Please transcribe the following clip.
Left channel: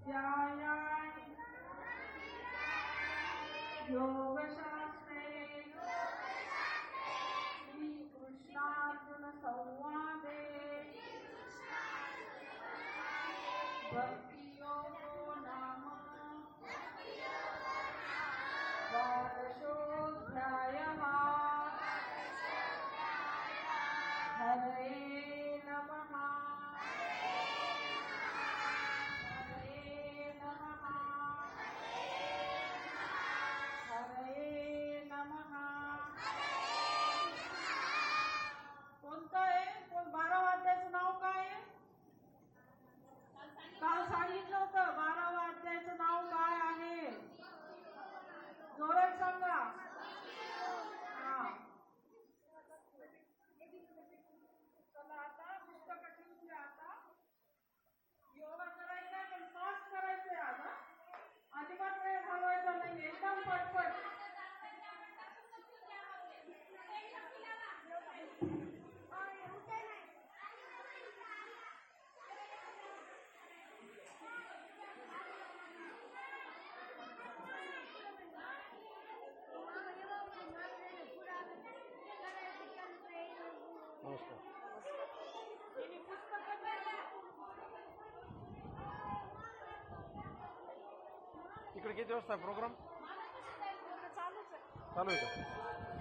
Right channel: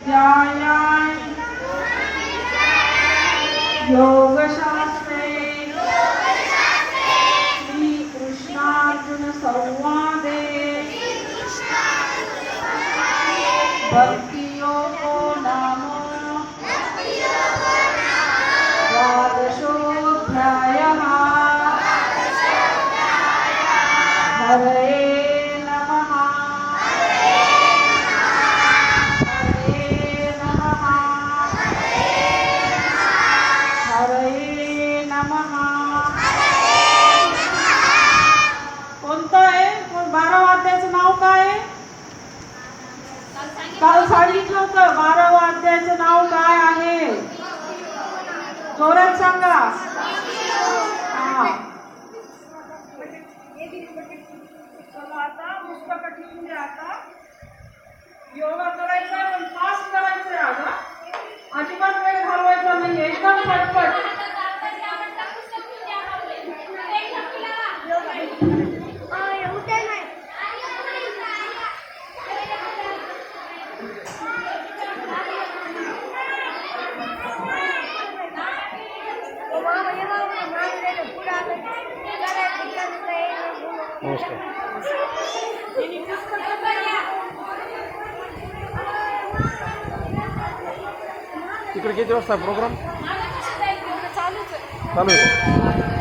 ध्यायामि योगशास्त्रे श्रीकृष्णार्जुन संवादे भक्तियोगो नाम द्वादशोऽध्यायः। हरये नमः। हरये नमः। हरये नमः। कोणतं आहे? 12व्या अध्यायाचं नाव काय आहे? काल सांगितलं होतं. 12व्या अध्यायाचं नाव काय आहे? जोरात सांगा. हा. चला आता पुस्तक ठेवून द्या. आता योगा करायचा आहे पण फास्ट करायचं आहे. आता अजिबात वेळ घालवायचा नाही. एकदम पटपट. इकडे किती वाजता प्रोग्राम चालू आहे?